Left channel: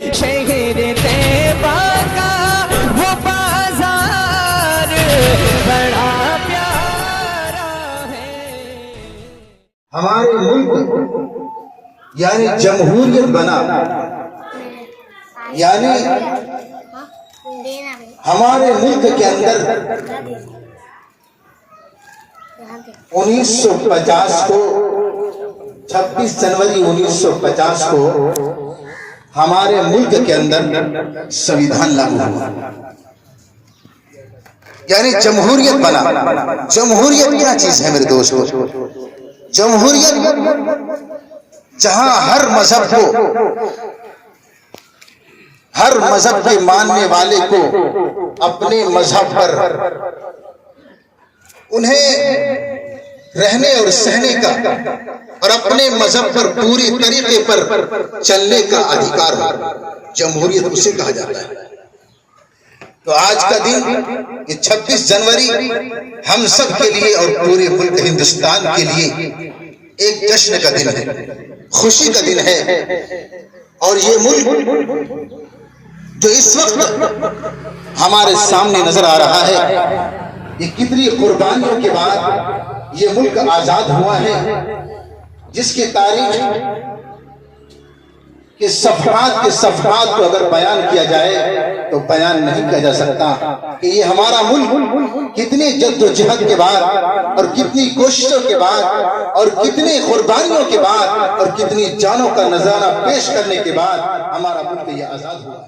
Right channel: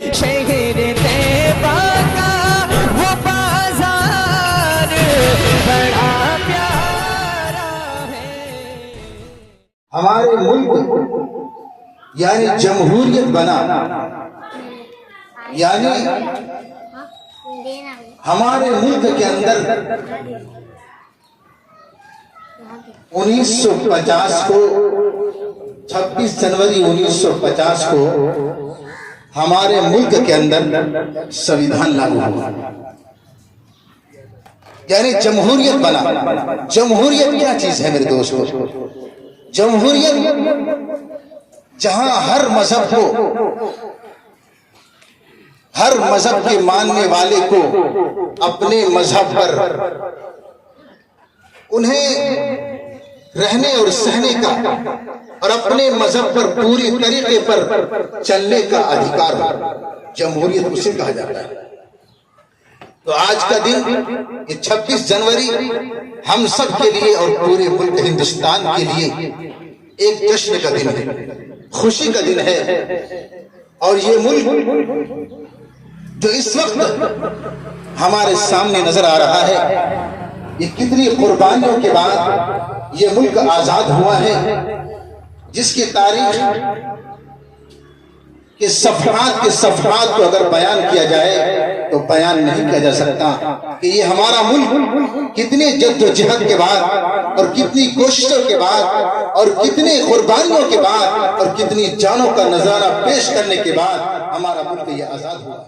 शहर तैयबा का वो बाजार बड़ा प्यारा है। हमारे मुल्क यानी जमहूरियत बना, यानी हमारे मुल्क के अंदर 1950 को 26 जनवरी 1950 को हमारे मुल्क के अंदर संविधान लागू हुआ, यानी जमहूरियत बना। जमहूरियत क्या चीज है मेरे दोस्तों? जमहूरियत जहां हर मजहब को, हर मजहब के मानने वाले को अपने मजहब पर उन्हें रहने और सहने का और अपने मजहब पर पूरी तरीके पर चलने का अधिकार है। जमहूरियत उसे कहा जाता है। तो आज का दिन ये 26 जनवरी हम सब के लिए और पूरे मुल्क हिंदुस्तान के लिए एक जश्न का दिन है, खुशी का दिन है। और ये मुल्क जो इस वक्त हमारे सामने नजर आ रहा है, ये कितनी कुर्बानियों के बाद ये मुल्क आजाद हुआ है, जिसकी तारीख के सफहात को अगर बयान किया जाए तो बयान नहीं किया जा सकता कि ये हमारा मुल्क कितनी जद्दोजहद के बाद और कितनी कोशिशों के बाद और कितनी कुर्बानियों के बाद और कितनी जानों का नजारा पेश करने के बाद हमारा मुल्क ये आजाद हुआ।